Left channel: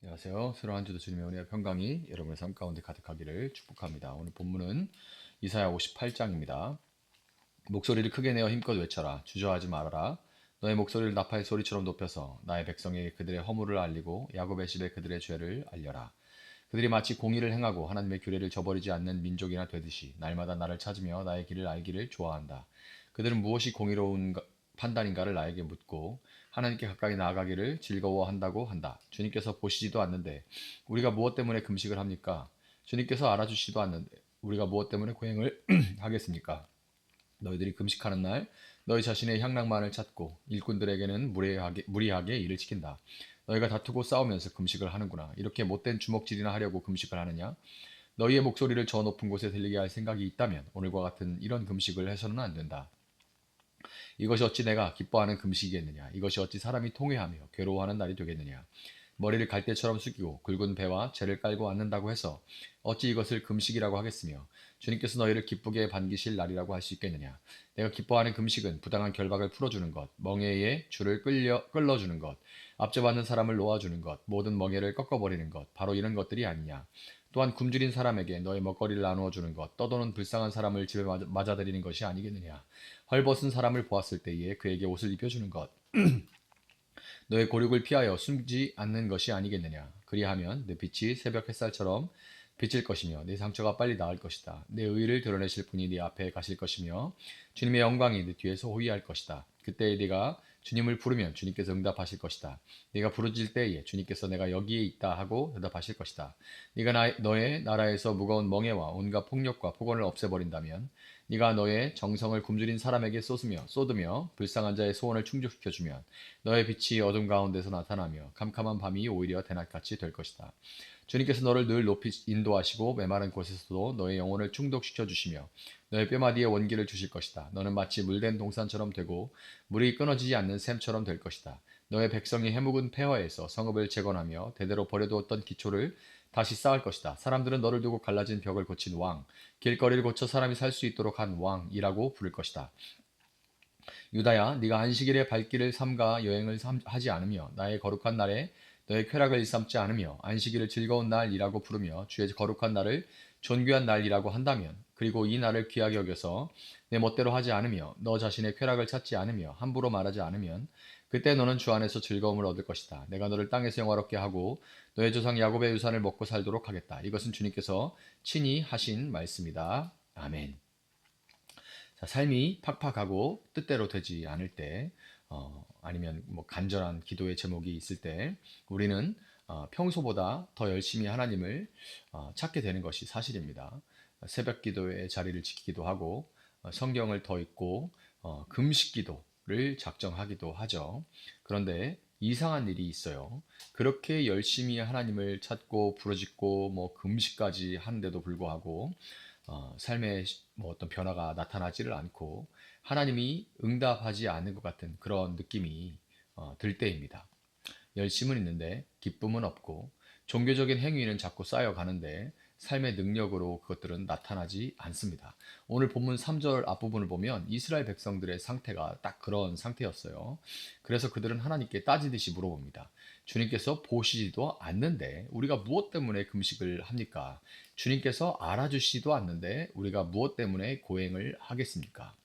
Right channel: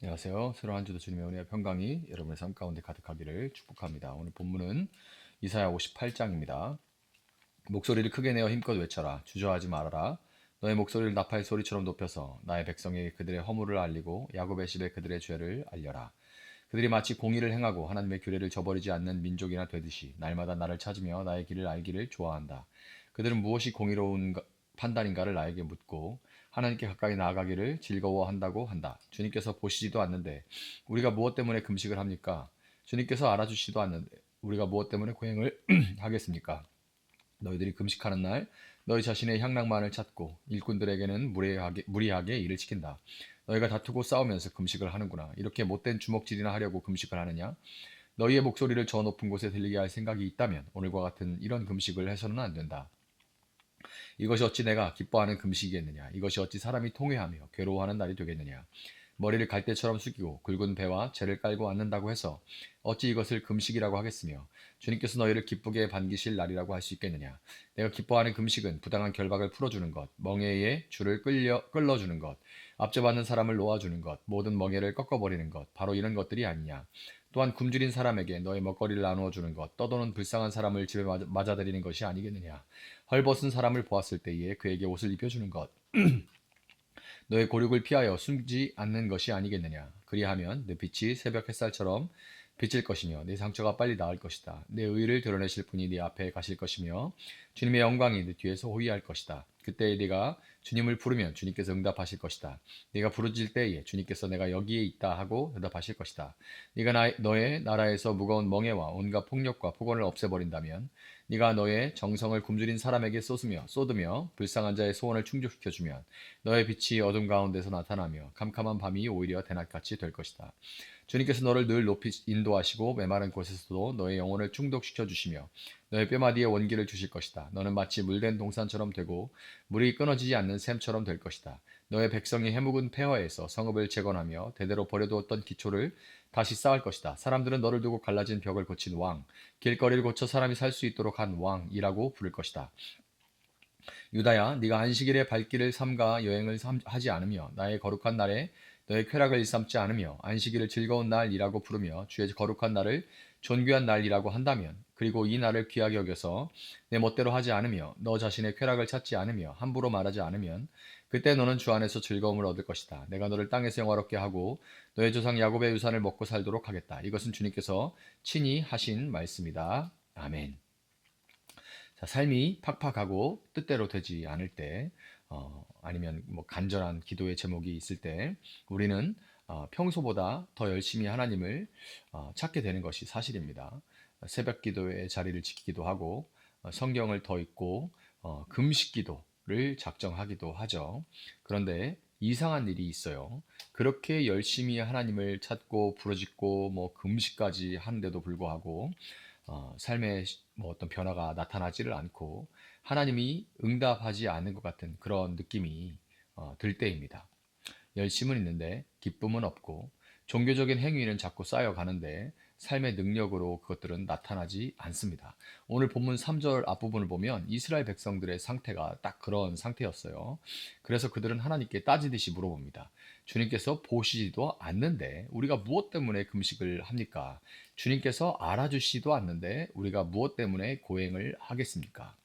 안녕하세요. 새로운 한 주도 주님의 은혜와 평강이 여러분의 삶 가운데 가득하기를 축복합니다. 오늘 본문은 이사야 58장입니다. 목소리를 크게 내어 힘껏 외쳐라. 주저하지 말아라. 너의 목소리를 나팔 소리처럼 높여서 나의 백성에게 그들의 허물을 알리고 야곱의 집에 그들의 죄를 알려라. 그들이 마치 공의를 행하고 하나님의 규례를 저버리지 않는 민족이나 되듯이 날마다 나를 찾으며 나의 길을 알기를 좋아한다. 그들은 무엇이 공의로운 판단인가를 나에게 묻고 하나님께 가까이 나아가기를 즐거워한다고 한다. 주님께서 보시지도 않는데 우리가 무엇 때문에 금식을 합니까? 주님께서 알아주시지도 않는데 우리가 무엇 때문에 고행을 하겠습니까? 너희들이 금식하는 날 너희 자신의 향락만을 찾고 일꾼들에게는 무리하게 일을 시킨다. 너희가 다투고 싸우면서 금식을 하는구나. 이렇게 못된 주먹질이나 하려고 금식을 하느냐? 너희의 목소리를 저 높은 곳에 들리게 할 생각이 있다면 오늘과 같은 이런 금식을 해서는 안 된다. 이것이 어찌 내가 기뻐하는 금식이겠느냐? 이것이 어찌 사람이 통회하며 괴로워하는 날이 되겠느냐? 머리를 갈대처럼 숙이고 굵은 배와 재를 깔고 앉는다고 해서 어찌 이것을 금식이라고 하겠으며 주님께서 너희를 기쁘게 반기실 날이라고 할 수 있겠느냐? 내가 기뻐하는 금식은 부당한 결박을 풀어주는 것, 멍에의 줄을 끌어주는 것, 압제받는 사람을 놓아주는 것, 모든 멍에를 꺾어버리는 것, 바로 이런 것들이 아니냐? 또한 굶주린 사람에게 너의 먹거리를 나누어 주는 것, 떠도는 불쌍한 사람을 집에 맞아들이는 것이 아니겠느냐? 헐벗은 사람을 보았을 때에 그에게 옷을 입혀주는 것, 너의 고륙을 피하여 숨지 않는 것이 아니겠느냐. 그리하면 내 빛이 새벽 햇살처럼 비칠 것이며 내 상처가 빨리 나을 것이다. 내 의를 드러내실 분이 네 앞에 가실 것이며 주님의 영광이 네 뒤에서 호위할 것이다. 그때 네가 주님을 부르면 주님께서 응답하실 것이다. 네가 부르짖을 때에 주님께서 내가 여기에 있다 하고 대답하실 것이다. 네가 너의 나라에서 무거운 멍에와 온갖 폭력과 폭언을 없애버린다면 네가 너의 정성을 굶주린 사람에게 쏟으며 불쌍한 자의 소원을 충족시켜 주면 너의 빛이 어둠 가운데서 나타나며 캄캄한 밤이 오히려 대낮같이 될 것이다. 주님께서 너를 늘 높이 인도하시고 메마른 곳에서도 너의 영혼을 충족시켜 주시며 너의 뼈마디에 원기를 주실 것이다. 너는 마치 물된 동산처럼 되고 물이 끊어지지 않는 샘처럼 될 것이다. 너의 백성이 해묵은 폐허에서 성읍을 재건하며 대대로 버려두었던 기초를 다시 쌓을 것이다. 사람들은 너를 두고 갈라진 벽을 고친 왕, 길거리를 고쳐 사람이 살 수 있도록 한 왕이라고 부를 것이다. 유다야, 네가 안식일에 발길을 삼가 여행을 하지 않으며 나의 거룩한 날에 너의 쾌락을 일삼지 않으며 안식일을 즐거운 날이라고 부르며 주의 거룩한 날을 존귀한 날이라고 한다면, 그리고 이 날을 귀하게 여겨서 내 멋대로 하지 않으며 너 자신의 쾌락을 찾지 않으며 함부로 말하지 않으면 그때 너는 주 안에서 즐거움을 얻을 것이다. 내가 너를 땅에서 영화롭게 하고 너의 조상 야곱의 유산을 먹고 살도록 하겠다. 이것은 주님께서 친히 하신 말씀이다. 아멘. 자, 삶이 팍팍하고 뜻대로 되지 않을 때, 아니면 뭐 간절한 기도의 제목이 있을 때, 우리는 평소보다 더 열심히 하나님을 찾게 되는 것이 사실입니다. 새벽 기도의 자리를 지키기도 하고, 성경을 더 읽고, 금식 기도를 작정하기도 하죠. 그런데 이상한 일이 있어요. 그렇게 열심히 하나님을 찾고 부르짖고 뭐 금식까지 하는데도 불구하고 삶에 뭐 어떤 변화가 나타나지를 않고 하나님이 응답하지 않는 것 같은 그런 느낌이 들 때입니다. 열심은 있는데 기쁨은 없고 종교적인 행위는 자꾸 쌓여가는데 삶의 능력으로 그것들은 나타나지 않습니다. 오늘 본문 3절 앞부분을 보면 이스라엘 백성들의 상태가 딱 그런 상태였어요. 그래서 그들은 하나님께 따지듯이 물어봅니다. 주님께서 보시지도 않는데 우리가 무엇 때문에 금식을 합니까? 주님께서 알아주시지도 않는데 우리가 무엇 때문에 고행을 하겠습니까?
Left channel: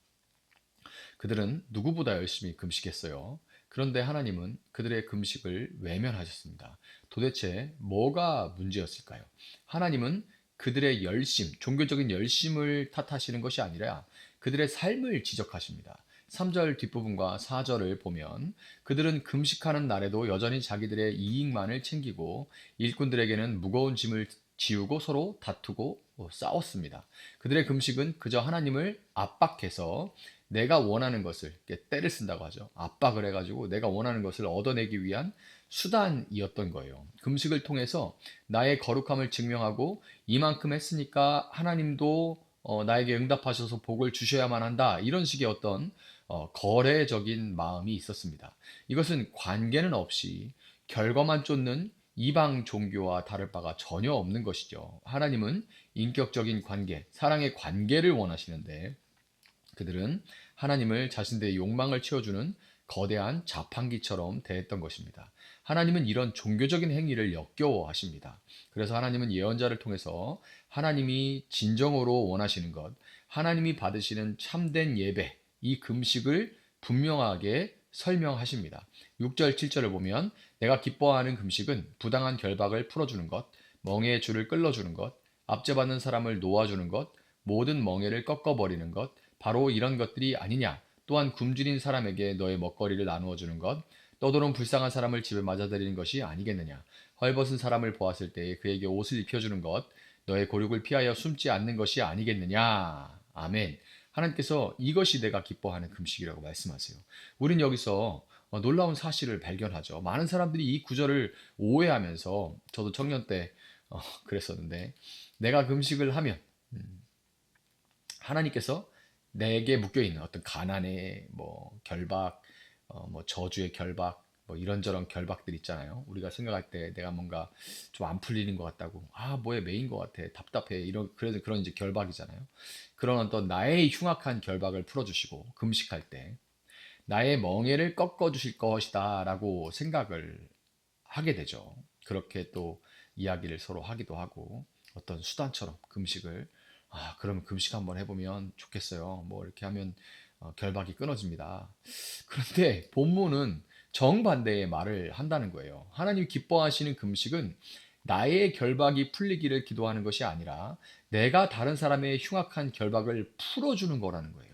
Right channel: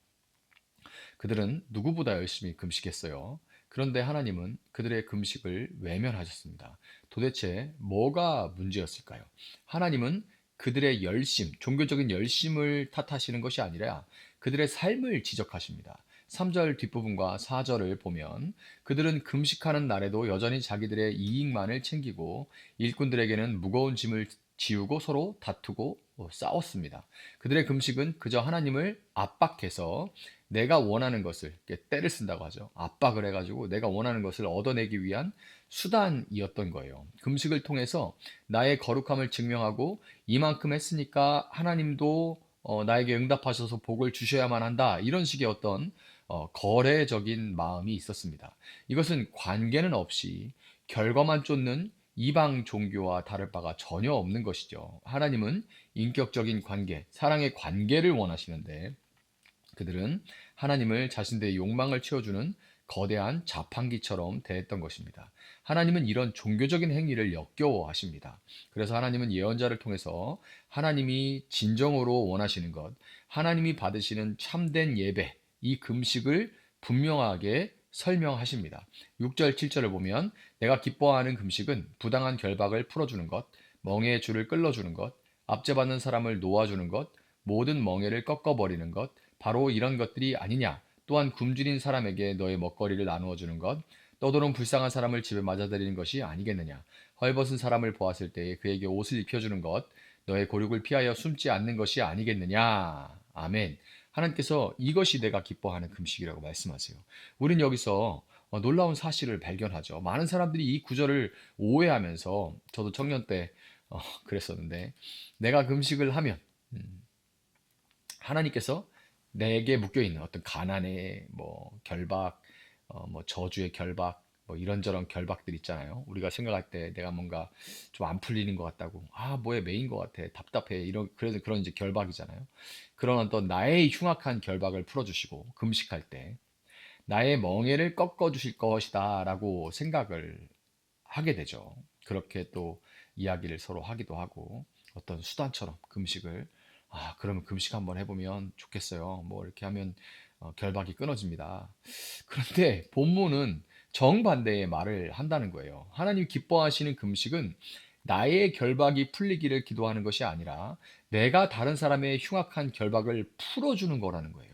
그들은 누구보다 열심히 금식했어요. 그런데 하나님은 그들의 금식을 외면하셨습니다. 도대체 뭐가 문제였을까요? 하나님은 그들의 열심, 종교적인 열심을 탓하시는 것이 아니라 그들의 삶을 지적하십니다. 3절 뒷부분과 4절을 보면 그들은 금식하는 날에도 여전히 자기들의 이익만을 챙기고 일꾼들에게는 무거운 짐을 지우고 서로 다투고 싸웠습니다. 그들의 금식은 그저 하나님을 압박해서 내가 원하는 것을 때를 쓴다고 하죠. 압박을 해가지고 내가 원하는 것을 얻어내기 위한 수단이었던 거예요. 금식을 통해서 나의 거룩함을 증명하고 이만큼 했으니까 하나님도 나에게 응답하셔서 복을 주셔야만 한다. 이런 식의 어떤 거래적인 마음이 있었습니다. 이것은 관계는 없이 결과만 쫓는 이방 종교와 다를 바가 전혀 없는 것이죠. 하나님은 인격적인 관계, 사랑의 관계를 원하시는데 그들은 하나님을 자신들의 욕망을 채워주는 거대한 자판기처럼 대했던 것입니다. 하나님은 이런 종교적인 행위를 역겨워하십니다. 그래서 하나님은 예언자를 통해서 하나님이 진정으로 원하시는 것, 하나님이 받으시는 참된 예배, 이 금식을 분명하게 설명하십니다. 6절, 7절을 보면 내가 기뻐하는 금식은 부당한 결박을 풀어주는 것, 멍에의 줄을 끌어주는 것, 압제받는 사람을 놓아주는 것, 모든 멍에를 꺾어버리는 것, 바로 이런 것들이 아니냐. 또한 굶주린 사람에게 너의 먹거리를 나누어 주는 것, 떠도는 불쌍한 사람을 집에 맞아들이는 것이 아니겠느냐. 헐벗은 사람을 보았을 때에 그에게 옷을 입혀주는 것, 너의 고륙을 피하여 숨지 않는 것이 아니겠느냐. 아멘. 하나님께서 이것이 내가 기뻐하는 금식이라고 말씀하세요. 우린 여기서 놀라운 사실을 발견하죠. 많은 사람들이 이 구절을 오해하면서, 저도 청년 때 그랬었는데, 내가 금식을 하면 하나님께서 내게 묶여 있는 어떤 가난의 결박, 저주의 결박, 이런저런 결박들 있잖아요. 우리가 생각할 때 내가 뭔가 좀 안 풀리는 것 같다고, 뭐에 매인 것 같아, 답답해, 이런 그래서 그런 이제 결박이잖아요. 그런 어떤 나의 흉악한 결박을 풀어주시고 금식할 때 나의 멍에를 꺾어 주실 것이다라고 생각을 하게 되죠. 그렇게 또 이야기를 서로 하기도 하고, 어떤 수단처럼 금식을, 그러면 금식 한번 해보면 좋겠어요. 이렇게 하면 결박이 끊어집니다. 그런데 본문은 정반대의 말을 한다는 거예요. 하나님 기뻐하시는 금식은 나의 결박이 풀리기를 기도하는 것이 아니라 내가 다른 사람의 흉악한 결박을 풀어주는 거라는 거예요.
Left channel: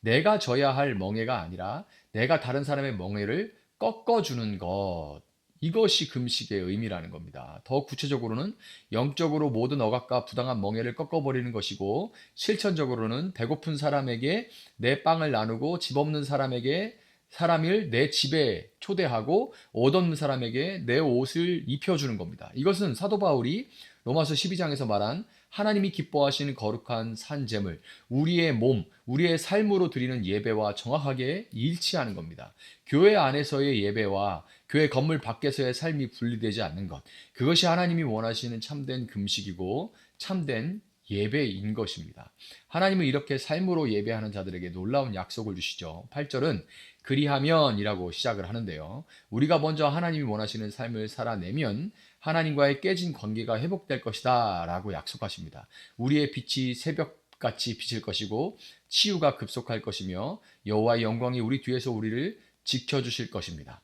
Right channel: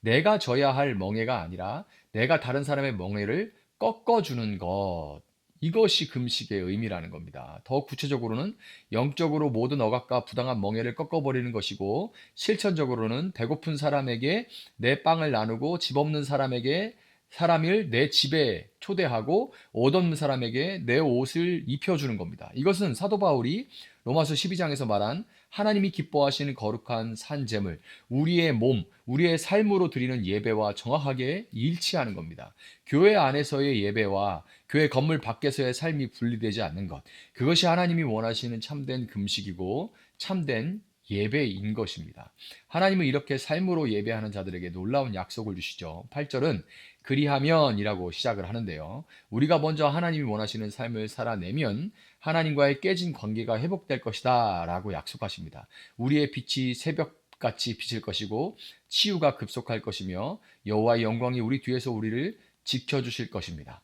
내가 져야 할 멍에가 아니라 내가 다른 사람의 멍에를 꺾어주는 것. 이것이 금식의 의미라는 겁니다. 더 구체적으로는 영적으로 모든 억압과 부당한 멍에를 꺾어버리는 것이고, 실천적으로는 배고픈 사람에게 내 빵을 나누고 집 없는 사람을 내 집에 초대하고 옷 없는 사람에게 내 옷을 입혀주는 겁니다. 이것은 사도 바울이 로마서 12장에서 말한 하나님이 기뻐하시는 거룩한 산제물, 우리의 몸, 우리의 삶으로 드리는 예배와 정확하게 일치하는 겁니다. 교회 안에서의 예배와 교회 건물 밖에서의 삶이 분리되지 않는 것, 그것이 하나님이 원하시는 참된 금식이고 참된 예배인 것입니다. 하나님은 이렇게 삶으로 예배하는 자들에게 놀라운 약속을 주시죠. 8절은 그리하면이라고 시작을 하는데요. 우리가 먼저 하나님이 원하시는 삶을 살아내면 하나님과의 깨진 관계가 회복될 것이다 라고 약속하십니다. 우리의 빛이 새벽같이 비칠 것이고 치유가 급속할 것이며 여호와의 영광이 우리 뒤에서 우리를 지켜주실 것입니다.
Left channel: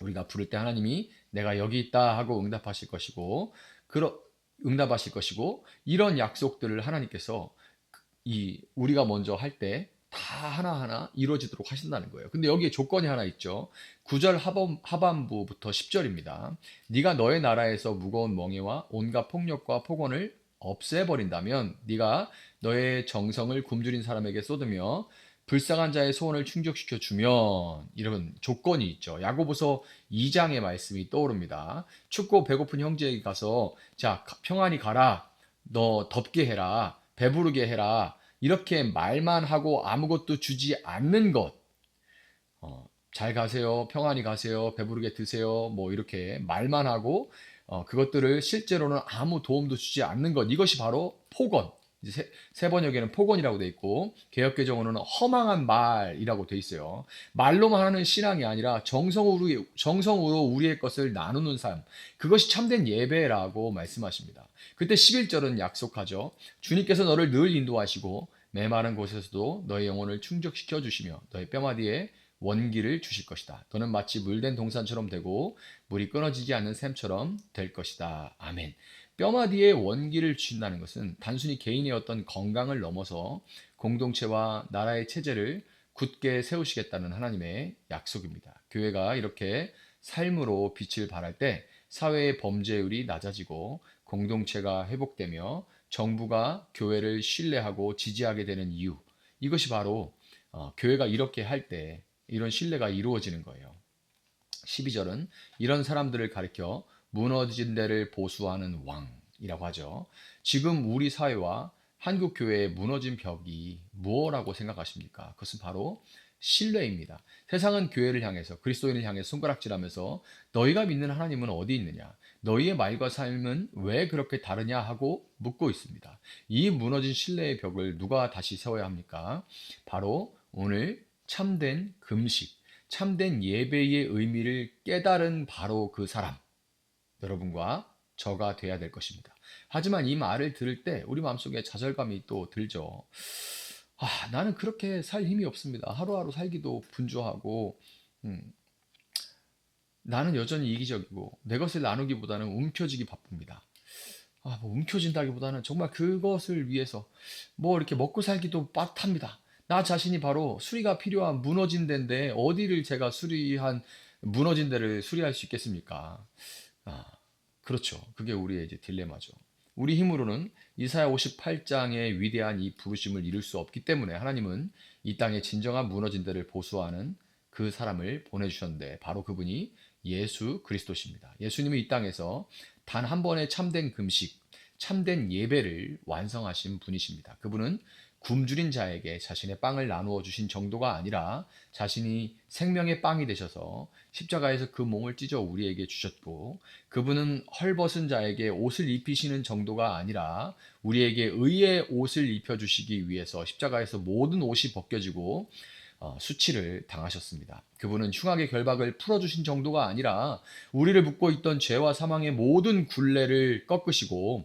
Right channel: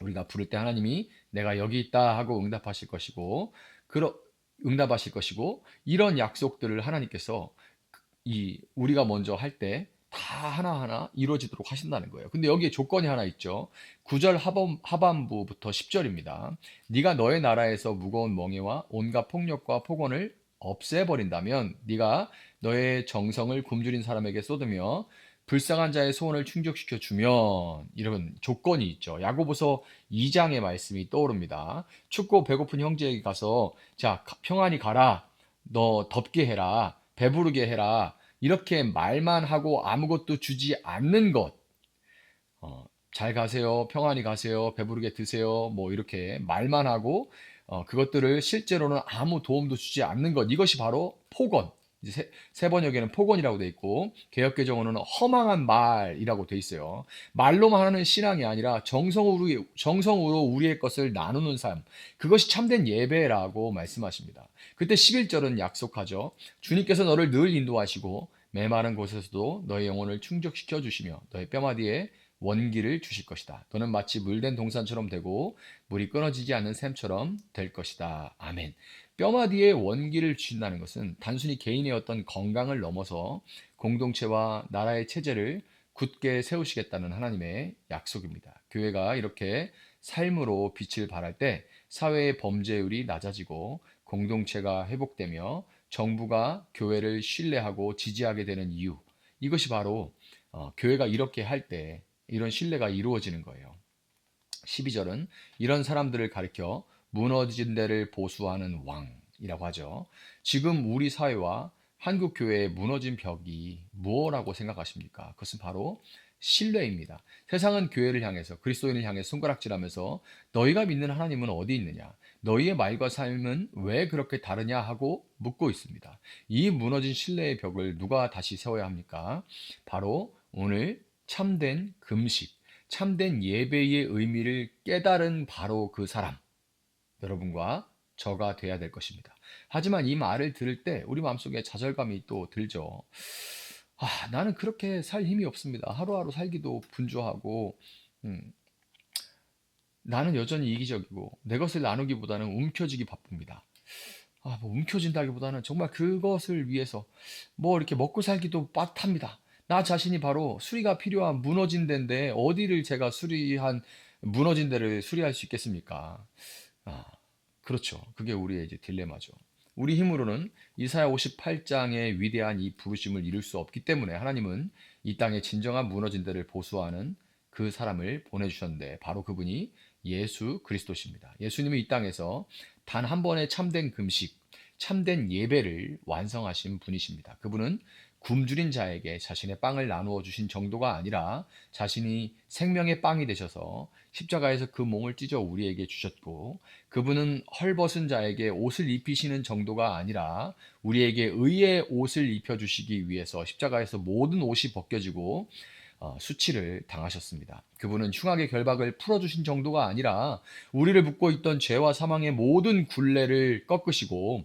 우리가 부를 때 하나님이 내가 여기 있다 하고 응답하실 것이고, 이런 약속들을 하나님께서 우리가 먼저 할 때 다 하나하나 이루어지도록 하신다는 거예요. 근데 여기에 조건이 하나 있죠. 9절 하반부부터 10절입니다. 네가 너의 나라에서 무거운 멍에와 온갖 폭력과 폭언을 없애버린다면 네가 너의 정성을 굶주린 사람에게 쏟으며 불쌍한 자의 소원을 충족시켜 주면, 이런 조건이 있죠. 야고보서 2장의 말씀이 떠오릅니다. 춥고 배고픈 형제에게 가서 자, 평안히 가라, 너 덥게 해라, 배부르게 해라, 이렇게 말만 하고 아무것도 주지 않는 것, 잘 가세요, 평안히 가세요, 배부르게 드세요, 이렇게 말만 하고 그것들을 실제로는 아무 도움도 주지 않는 것, 이것이 바로 폭언. 이제 세 번역에는 폭언이라고 돼 있고, 개역개정어는 허망한 말이라고 돼 있어요. 말로만 하는 신앙이 아니라 정성으로 우리의 것을 나누는 삶, 그것이 참된 예배라고 말씀하십니다. 그때 11절은 약속하죠. 주님께서 너를 늘 인도하시고 메마른 곳에서도 너의 영혼을 충족시켜 주시며 너의 뼈마디에 원기를 주실 것이다. 너는 마치 물된 동산처럼 되고 물이 끊어지지 않는 샘처럼 될 것이다. 아멘. 뼈마디에 원기를 주신다는 것은 단순히 개인의 어떤 건강을 넘어서 공동체와 나라의 체제를 굳게 세우시겠다는 하나님의 약속입니다. 교회가 이렇게 삶으로 빛을 발할 때 사회의 범죄율이 낮아지고 공동체가 회복되며 정부가 교회를 신뢰하고 지지하게 되는 이유, 이것이 바로 교회가 이렇게 할 때 이런 신뢰가 이루어지는 거예요. 12절은 이런 사람들을 가리켜 무너진 데를 보수하는 왕이라고 하죠. 지금 우리 사회와 한국 교회의 무너진 벽이 무엇라고 생각하십니까? 그것은 바로 신뢰입니다. 세상은 교회를 향해서, 그리스도인을 향해 손가락질하면서 너희가 믿는 하나님은 어디 있느냐? 너희의 말과 삶은 왜 그렇게 다르냐 하고 묻고 있습니다. 이 무너진 신뢰의 벽을 누가 다시 세워야 합니까? 바로 오늘 참된 금식, 참된 예배의 의미를 깨달은 바로 그 사람, 여러분과 저가 돼야 될 것입니다. 하지만 이 말을 들을 때 우리 마음속에 좌절감이 또 들죠. 나는 그렇게 살 힘이 없습니다. 하루하루 살기도 분주하고, 음, 나는 여전히 이기적이고, 내 것을 나누기보다는 움켜쥐기 바쁩니다. 뭐 움켜진다기보다는 정말 그것을 위해서 뭐 이렇게 먹고 살기도 빠듯합니다. 나 자신이 바로 수리가 필요한 무너진 데인데 어디를 제가 무너진 데를 수리할 수 있겠습니까? 아, 그렇죠. 그게 우리의 이제 딜레마죠. 우리 힘으로는 이사야 58장의 위대한 이 부르심을 이룰 수 없기 때문에 하나님은 이 땅에 진정한 무너진 데를 보수하는 그 사람을 보내주셨는데 바로 그분이 예수 그리스도십니다. 예수님은 이 땅에서 단 한 번의 참된 금식, 참된 예배를 완성하신 분이십니다. 그분은 굶주린 자에게 자신의 빵을 나누어 주신 정도가 아니라 자신이 생명의 빵이 되셔서 십자가에서 그 몸을 찢어 우리에게 주셨고, 그분은 헐벗은 자에게 옷을 입히시는 정도가 아니라 우리에게 의의 옷을 입혀주시기 위해서 십자가에서 모든 옷이 벗겨지고 수치를 당하셨습니다. 그분은 흉악의 결박을 풀어주신 정도가 아니라 우리를 묶고 있던 죄와 사망의 모든 굴레를 꺾으시고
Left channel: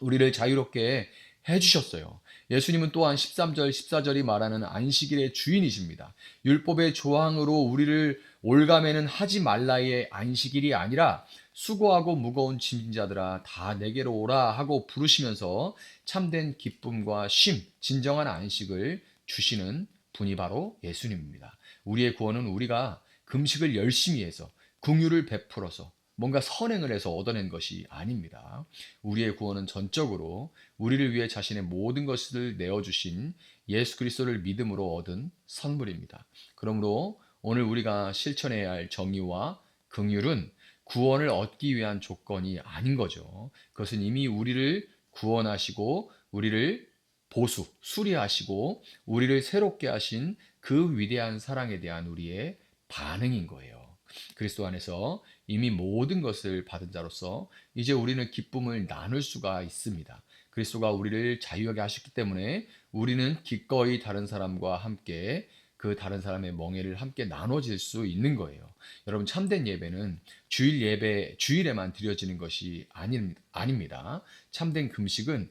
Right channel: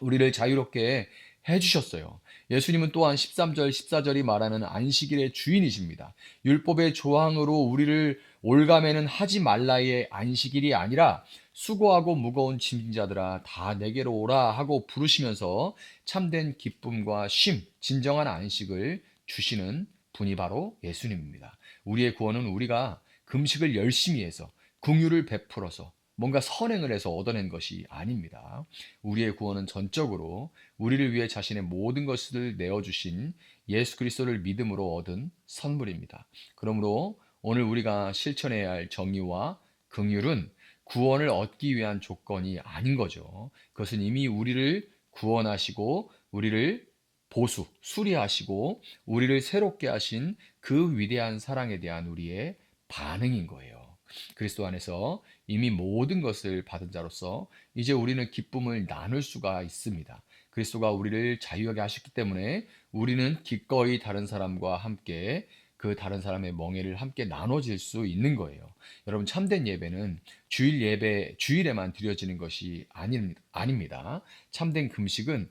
우리를 자유롭게 해주셨어요. 예수님은 또한 13절, 14절이 말하는 안식일의 주인이십니다. 율법의 조항으로 우리를 올가매는 하지 말라의 안식일이 아니라 수고하고 무거운 짐진 자들아 다 내게로 오라 하고 부르시면서 참된 기쁨과 쉼, 진정한 안식을 주시는 분이 바로 예수님입니다. 우리의 구원은 우리가 금식을 열심히 해서 긍휼을 베풀어서 뭔가 선행을 해서 얻어낸 것이 아닙니다. 우리의 구원은 전적으로 우리를 위해 자신의 모든 것을 내어주신 예수 그리스도를 믿음으로 얻은 선물입니다. 그러므로 오늘 우리가 실천해야 할 정의와 긍휼은 구원을 얻기 위한 조건이 아닌 거죠. 그것은 이미 우리를 구원하시고 우리를 수리하시고 우리를 새롭게 하신 그 위대한 사랑에 대한 우리의 반응인 거예요. 그리스도 안에서 이미 모든 것을 받은 자로서 이제 우리는 기쁨을 나눌 수가 있습니다. 그리스도가 우리를 자유하게 하셨기 때문에 우리는 기꺼이 다른 사람과 함께 그 다른 사람의 멍에를 함께 나눠질 수 있는 거예요. 여러분, 참된 예배는 주일에만 드려지는 것이 아닙니다. 참된 금식은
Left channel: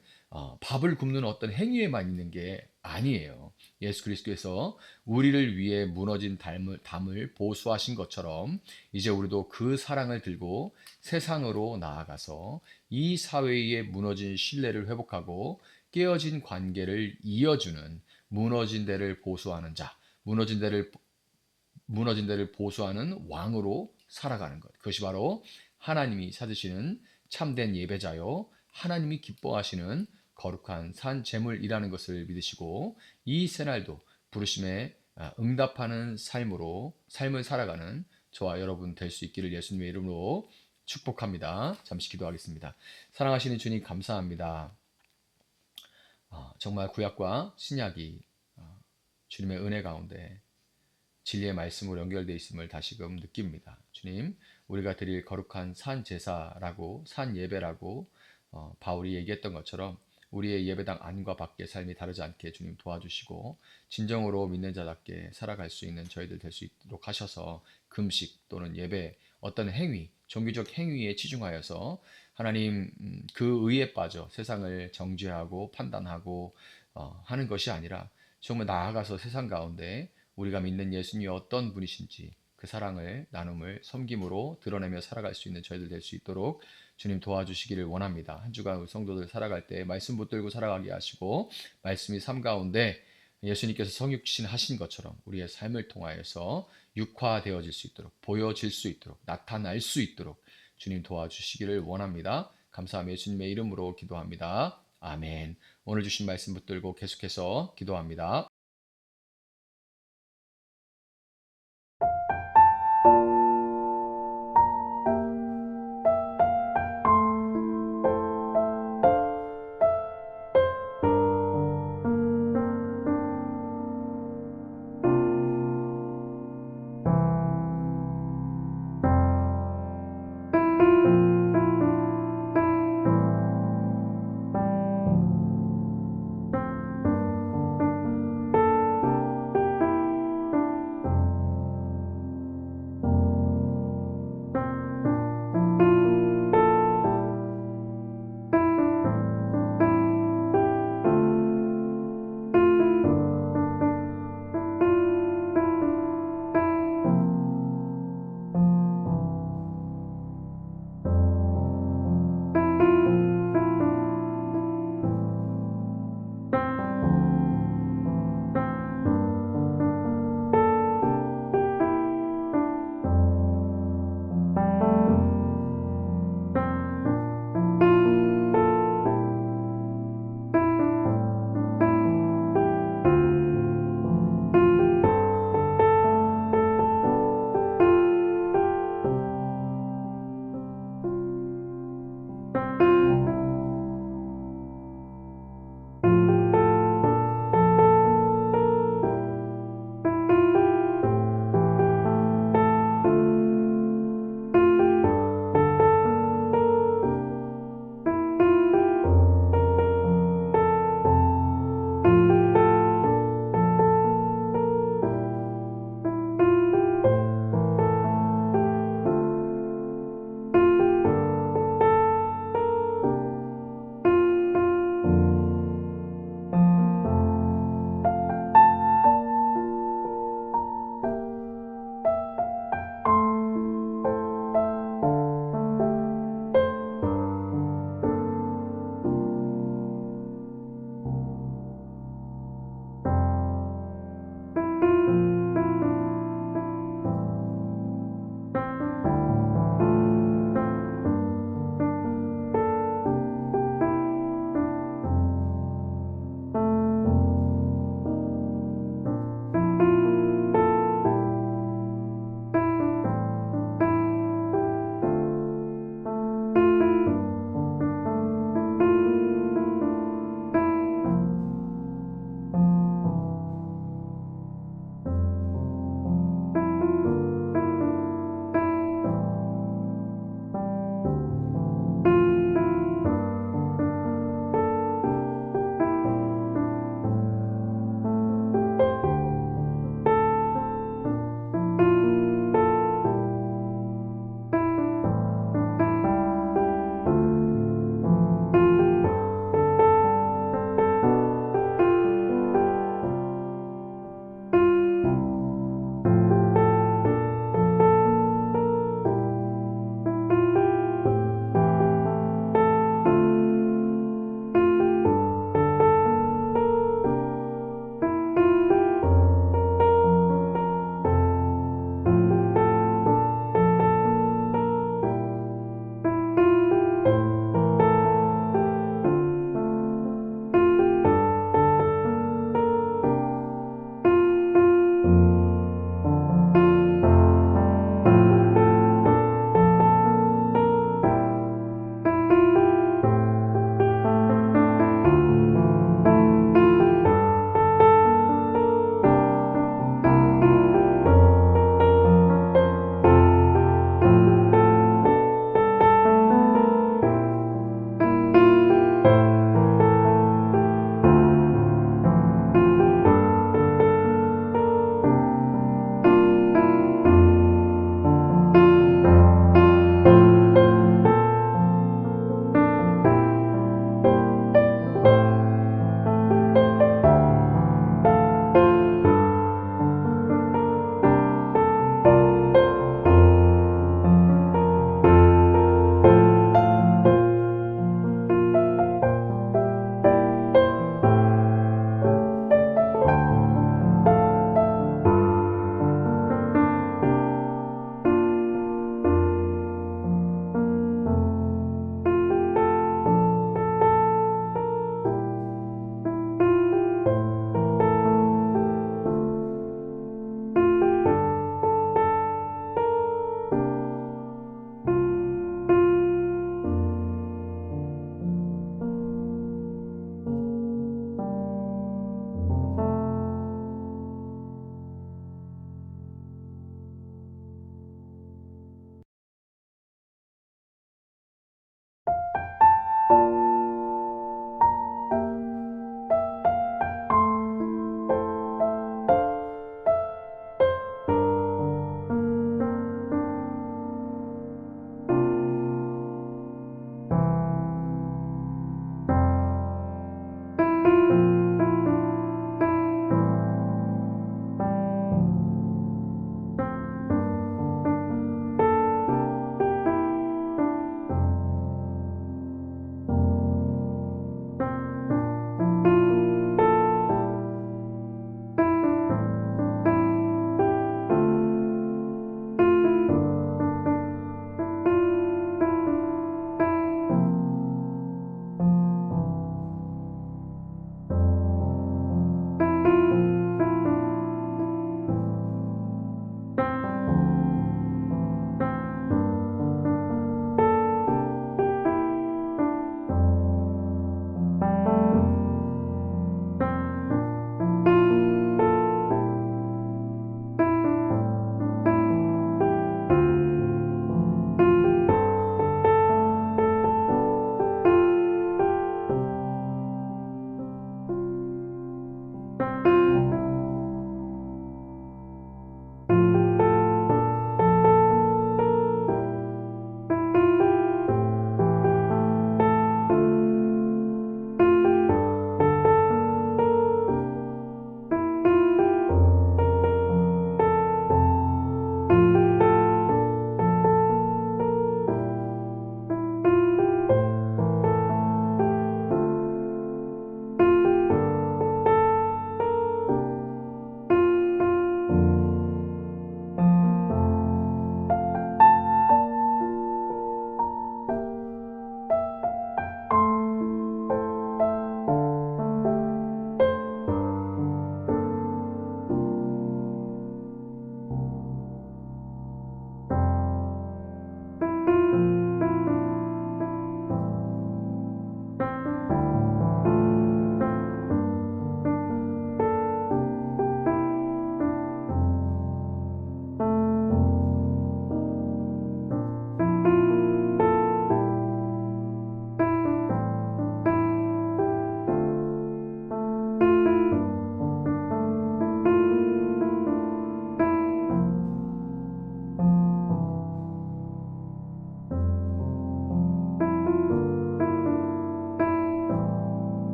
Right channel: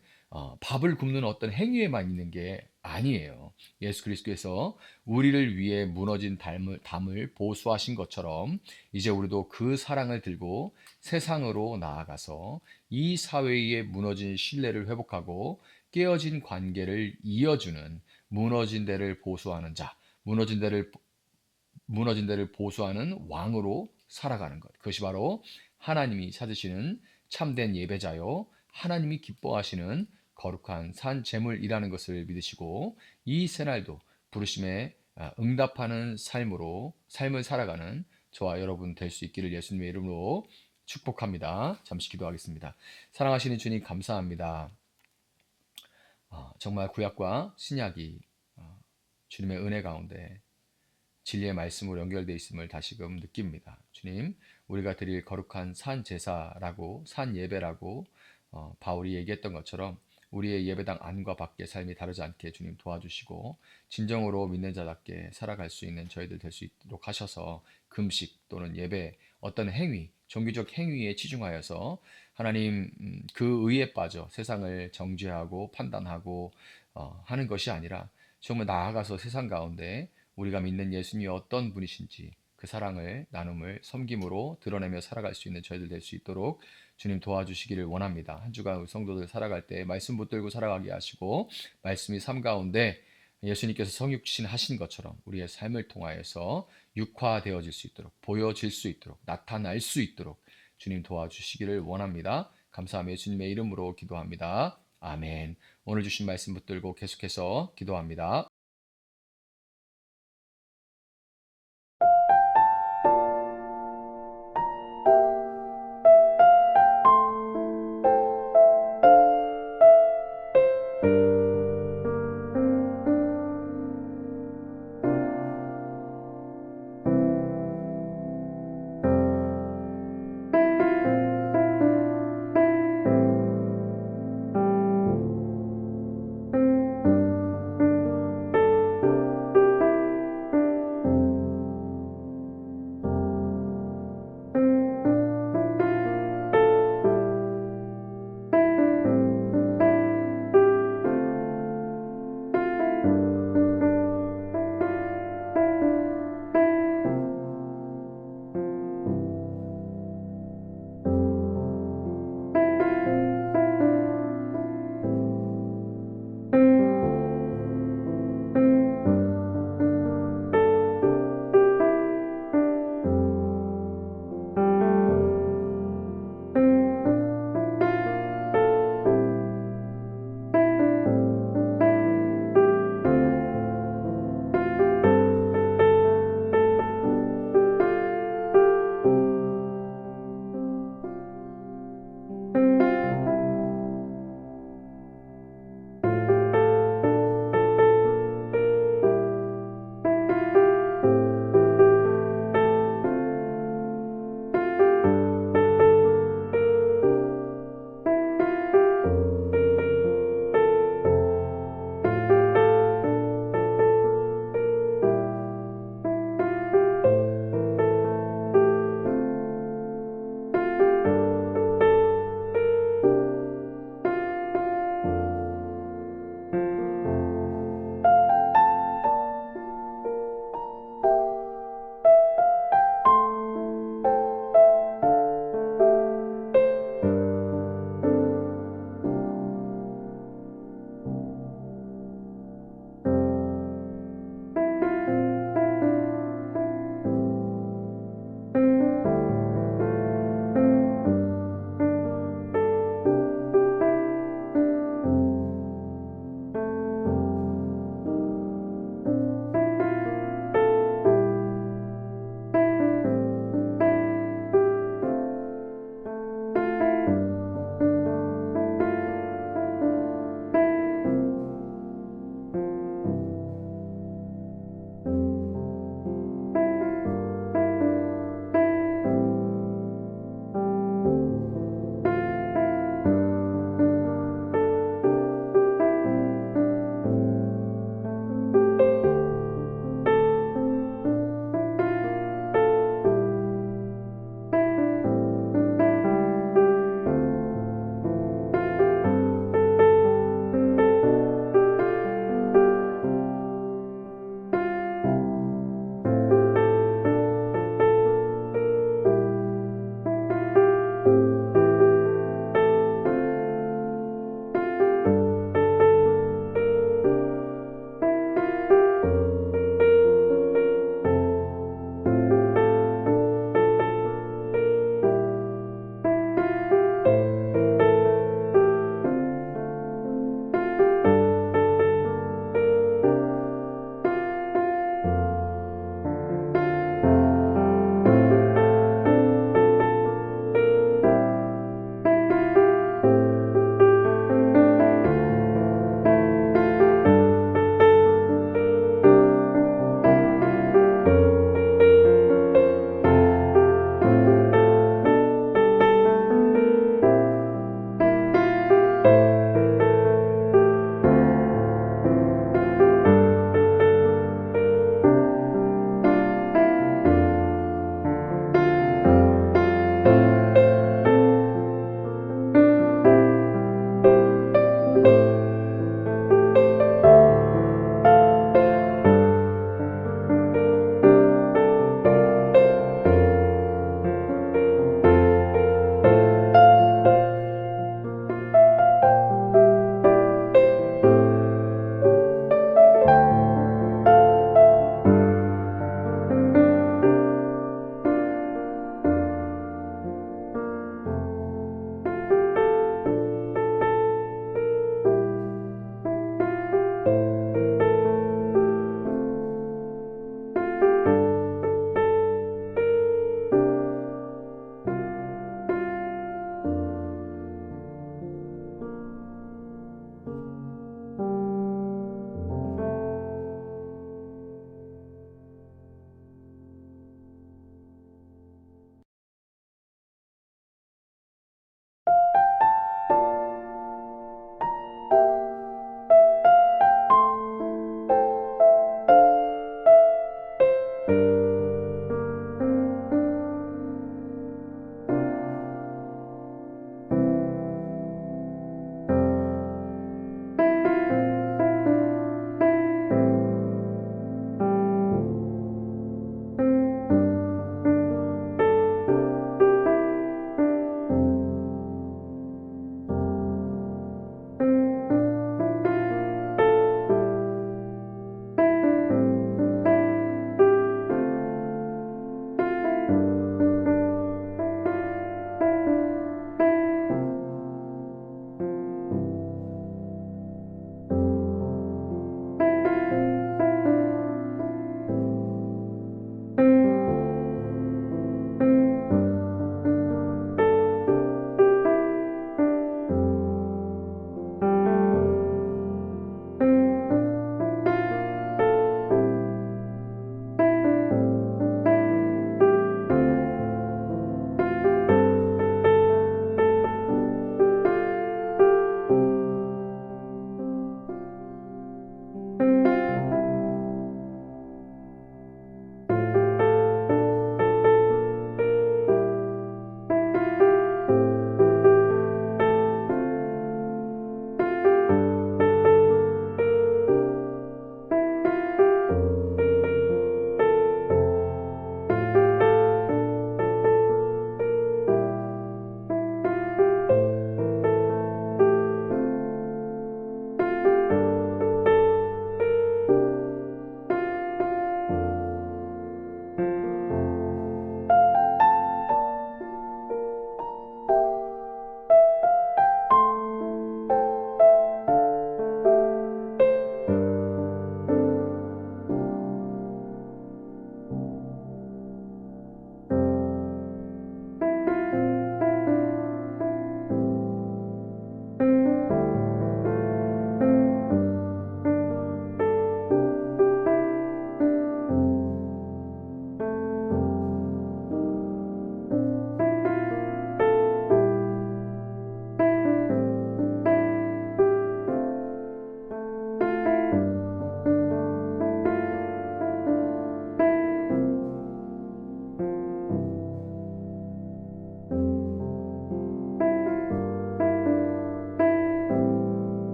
밥을 굶는 어떤 행위에만 있는 게 아니에요. 예수 그리스도께서 우리를 위해 무너진 담을 보수하신 것처럼 이제 우리도 그 사랑을 들고 세상으로 나아가서 이 사회의 무너진 신뢰를 회복하고 깨어진 관계를 이어주는 무너진 데를 보수하는 자, 무너진 데를 보수하는 왕으로 살아가는 것. 그것이 바로 하나님이 찾으시는 참된 예배자요, 하나님이 기뻐하시는 거룩한 산 제물이라는 것을 믿으시고 이 새날도 부르심에 응답하는 삶을 살아가는 저와 여러분 될 수 있기를 예수님의 이름으로 축복합니다. 잠시 기도하겠습니다. 사랑하시는 주님 감사합니다. 정말 구약과 신약이 주님의 은혜 가운데 진리의 말씀으로 연결되어 있음을 다시금 느낍니다. 주님, 우리가 드릴 거룩한 산 제사라고 산 예배라고 바울이 얘기했던 것처럼 우리의 예배당 안과 밖의 삶이 다르지 않게 주님 도와주시고 진정으로 믿는 자답게 살아갈 수 있는 저희들 될 수 있도록 하셔서 금식 또는 예배 어떤 행위, 종교적 행위에 치중하여서 하나님 그 의에 빠져 세상을 정죄하고 판단하고 하는 것이 아니라 정말 나아가서 세상 가운데 우리가 믿는 예수님이 어떤 분이신지 그 사랑을 나눔을 섬김으로 드러내며 살아갈 수 있는 저희들 될 수 있도록 주님 도와주시기를 원합니다. 한 주간 우리 성도들 살아갈 때 말씀 붙들고 살아가게 하시고 말씀이 삶 가운데 예수님께서 성육신 하신 것처럼 우리의 삶을 통하여서 육화되어질 수 있도록 보여질 수 있도록 나타날 수 있도록 주님 도와주시기를 원합니다. 감사하며 예수님의 이름으로 기도합니다. 아멘. 오늘 주신 말씀 붙들고 계속해서 기도합니다.